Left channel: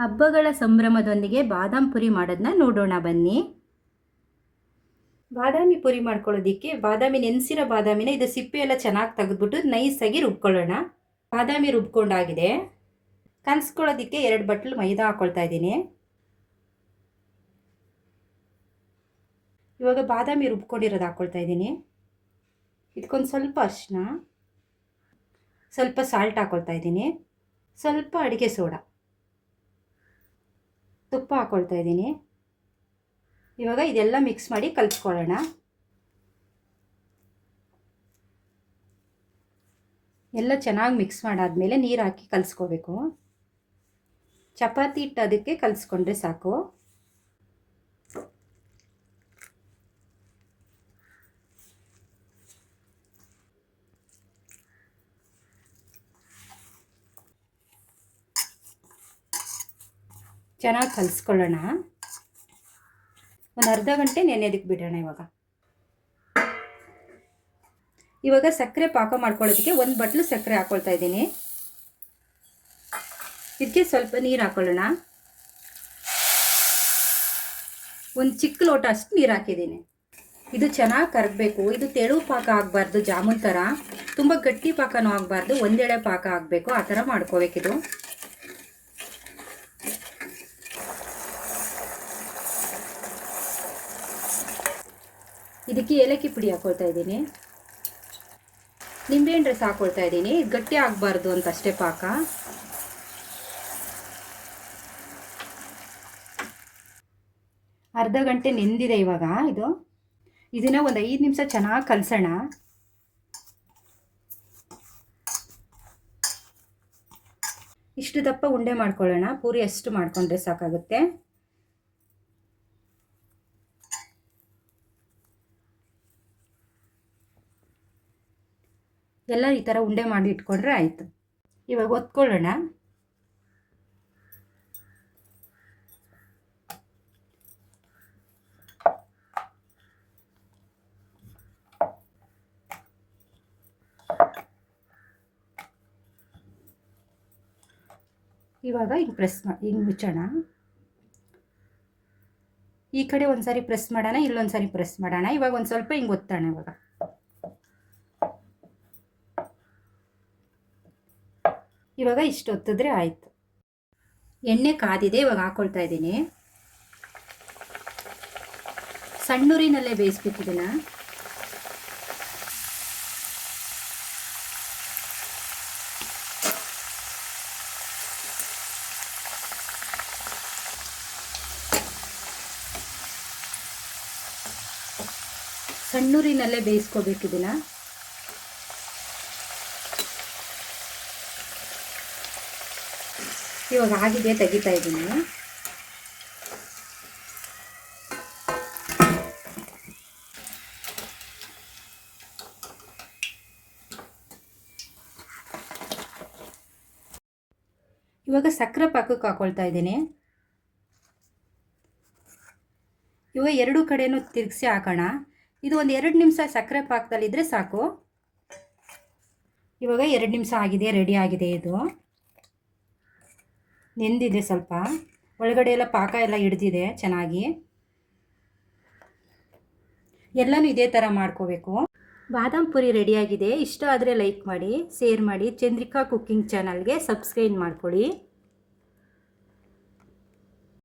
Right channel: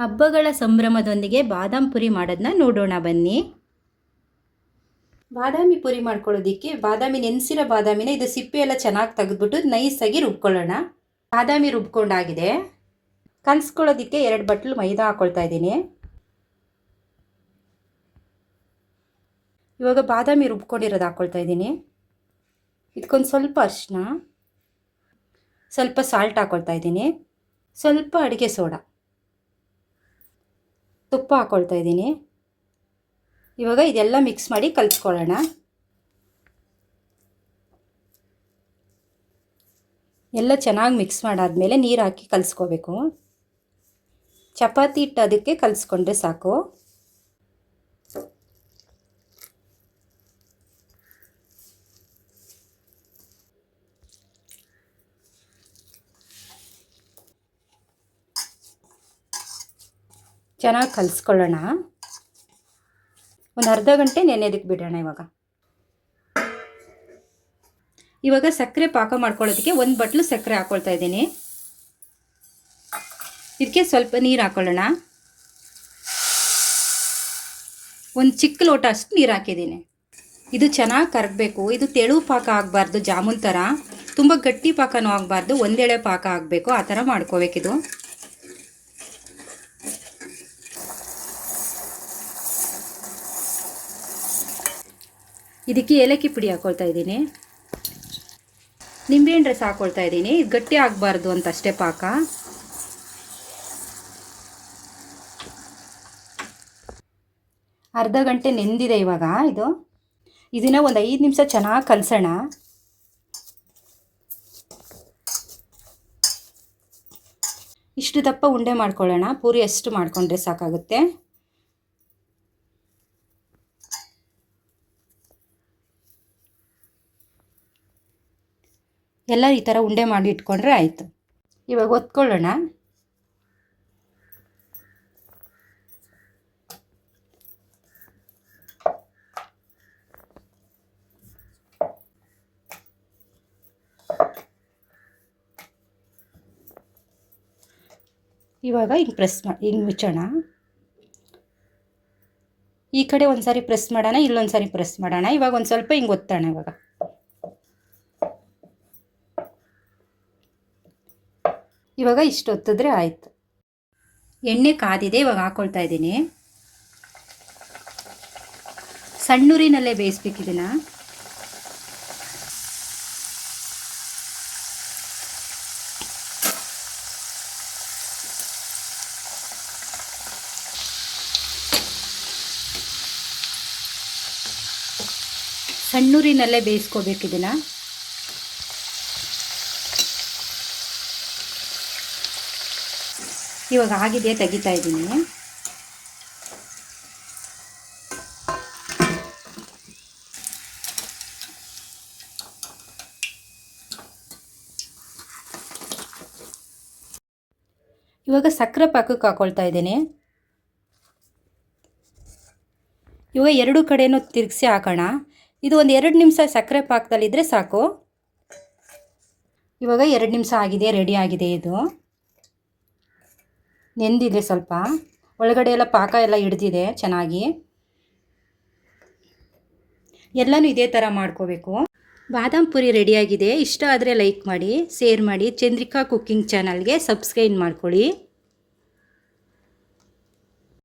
ಹಬ್ಬಗಳ ಸಂಭ್ರಮದೊಂದಿಗೆ ಬಾದಾಮ್ ಪುರಿ ಮಾಡೋದನ್ನ ನೋಡೋಣ ಬನ್ನಿ. ಬಾದಾಮಿ ಪುರಿ ಮಾಡ್ಕೊಳ್ಳೋದಕ್ಕೆ ಬಾದಾಮಿ ನೆನೆಸಿರೋ ಬಾದಾಮಿನ ಇದು ಸಿಪ್ಪೆ ಎಲ್ಲ ಚೆನ್ನಾಗಿ ತೆಗೆದ್ಬಿಟ್ಟು ನೈಸಾಗಿ ರುಬ್ಕೊಳ್ಳೋಣ. ಬಾದಾಮಿ ರುಬ್ಕೊಂಡಾಗಿದೆ. ಕಲಿಸ್ಕೊಳ್ಳೋದಕ್ಕೆ 2 ಬಟ್ಲು ಮೈದಾ ಹಾಕ್ಕೊಳ್ತಾ ಇದ್ದೀನಿ. ಇವಾಗ ಬಾದಾಮಿ ರುಬ್ಕೊಂಡಿರೋದು ಹಾಕ್ಕೊಳ್ತಾ ಇದ್ದೀನಿ. ಇದಕ್ಕೊಂದು ಸ್ವಲ್ಪ ಅರಿಶಿನ, ಸ್ವಲ್ಪ ಸಾಲ್ಟ್ ಹಾಕ್ಕೊಳ್ತಾ ಇದ್ದೀನಿ, ಸ್ವಲ್ಪ ಅಡುಗೆ ಸೋಡಾ, ತುಪ್ಪ ಹಾಕ್ಕೊಳ್ತಾ ಇದ್ದೀನಿ. ಇವಾಗ ಇದೆಲ್ಲ ಮಿಕ್ಸ್ ಮಾಡಿ ಕಲಿಸ್ಕೊಳ್ಳೋಣ. ಎಲ್ಲ ಚೆನ್ನಾಗಿ ಮಿಕ್ಸ್ ಮಾಡಾದ್ಮೇಲೆ ನೀರು ಹಾಕಿ ಕಲಿಸ್ಕೋಬೇಕು. ಚಪಾತಿ ಹಿಟ್ಟು ಅದಕ್ಕೆ ಕಲಿಸ್ಕೊಂಡ್ರೆ ಸಾಕು. ಚೆನ್ನಾಗಿ ಕಲಿಸ್ಕೊಳ್ಳೋಣ. ಒಂದು ಅರ್ಧ ಗಂಟೆ ನೆನೆಯೋದಕ್ಕೆ ಬಿಡೋಣ. ಇವಾಗ ಸಕ್ಕರೆ ಪಾಕ ಮಾಡ್ಕೊಳ್ಳೋದಕ್ಕೆ 1 ಬಟ್ಲು ಸಕ್ಕರೆ ಹಾಕ್ಕೊಳ್ತಾ ಇದ್ದೀನಿ. ಇದಕ್ಕೆ ಸ್ವಲ್ಪ ನೀರು ಹಾಕ್ಕೊಳ್ಳೋಣ. ಒಂದು ಚಿಕ್ಕ ಲೋಟ ಅಷ್ಟು ನೀರು ಹಾಕಿದ್ದೀನಿ. ಇದು ಚೆನ್ನಾಗಿ ಕರಗಬೇಕು. ಇದು ತೆಳು ಪಾಕ ಆಗಬಾರ್ದು, ಜಾಮೂನ್ ಥರ. ತುಂಬ ಗಟ್ಟಿ ಪಾಕನೂ ಆಗಬಾರ್ದು, ಒಂದೆಳೆ ಪಾಕ ಆಗಬೇಕು. ಆ ಥರ ಮಾಡ್ಕೋಬೇಕಿದು. ಇದಕ್ಕೆ ಏಲಕ್ಕಿ ಪುಡಿ ಹಾಕ್ಕೊಳ್ತಾ ಇದ್ದೀನಿ. ನಿಂಬೆಹಣ್ಣು ರಸ ಹಾಕ್ಕೊಳ್ತಾ ಇದ್ದೀನಿ. ಇದು ಗಟ್ಟಿ ಆಗಬಾರ್ದು ಅಂತ ಅಷ್ಟೇ ಪಾಕ. ಅರ್ಧ ಗಂಟೆ ನೆಂದಿದೆ ಇವಾಗ. ಇದನ್ನು ಒಂದು 5 ನಿಮಿಷ ಚೆನ್ನಾಗಿ ಕಲಸೋಣ. ಇಷ್ಟು ದಪ್ಪ ಉಂಡೆ ಮಾಡ್ಕೊಳ್ಳೋಣ. ಪೂರಿ ಅಷ್ಟು ಮಾಡಿಕೊಂಡ್ರೆ ಸಾಕಾಗುತ್ತೆ. ಎಲ್ಲ ಈ ಥರ ಉಂಡೆ ಮಾಡಿ ಇಟ್ಕೊಂಡ್ರೆ ಆಯಿತು. ಇವಾಗ ಒತ್ಕೊಳ್ಳೋಣ. ಇವಾಗ ಹಿಂಗೆ ಮುಚ್ಚೋಣ. ಈ ಕಡೆ ಒಂದು ಸಾರಿ ಪ್ರೆಸ್ ಮಾಡೋಣ, ಇಲ್ಲೊಂದು ಸಾರಿ ಪ್ರೆಸ್ ಮಾಡೋಣ. ಇವಾಗ ಒಂದು ಸ್ವಲ್ಪ ಹಿಂಗೆ ಒತ್ತೋಣ. ಇವಾಗ ಇಷ್ಟು ಒತ್ತಿದ್ರೆ ಆಯಿತು. ಎಣ್ಣೆ ಕಾದಿದೆ. ಇವಾಗ ಹಾಕ್ಕೊಳ್ತಾ ಇದ್ದೀನಿ. ಸಣ್ಣೂರಿನಲ್ಲೇ ಬೇಯಿಸ್ಬೇಕಿದನ್ನು. ಸಣ್ಣೂರಿನಲ್ಲೇ ಬೇಯಿಸ್ಕೋಬೇಕಿದನ್ನು. ಇವಾಗ ಆಗಿದೆ, ತೆಗಿತಾ ಇದ್ದೀನಿ. ಇವಾಗ ಸಕ್ಕರೆ ಪಾಕಕ್ಕೆ ಹಾಕ್ಕೊಳ್ತಾ ಇದ್ದೀನಿ. ಇವಾಗ 2 ಕಡೆನೂ ತಿರುಗಿಸಿ ಹಾಕೋಣ. ಇದು ಒಂದು 2 ನಿಮಿಷ ಸಕ್ಕರೆ ಪಾಕದಲ್ಲಿದ್ದರೆ ಸಾಕು. ಇವಾಗ 2 ನಿಮಿಷ ಆಗಿದೆ, ರೆಡಿ ಆಗಿದೆ. ಇದು ನೆಂದಿದೆ ಸ್ವಲ್ಪ. ಒಳಗಡೆ ಎಲ್ಲ ಪಾಕ ಎಲ್ಲ ಹಿಡ್ದಿದೆ ಚೆನ್ನಾಗಿ. ಎಲ್ಲನೂ ಇದೇ ಥರ ಮಾಡ್ಕೋಬೇಕು. ಬಾದಾಮ್ ಪುರಿ ರೆಡಿಯಾಗಿದೆ. ಇಷ್ಟ ಆದರೆ ಲೈಕ್ ಮಾಡಿ, ಶೇರ್ ಮಾಡಿ. ಚಂದ್ರಿಕಾ ಕುಕ್ಕಿಂಗ್ ಚಾನಲ್ಗೆ ಸಬ್ಸ್ಕ್ರೈಬ್ ಮಾಡ್ಕೊಳ್ಳಿ.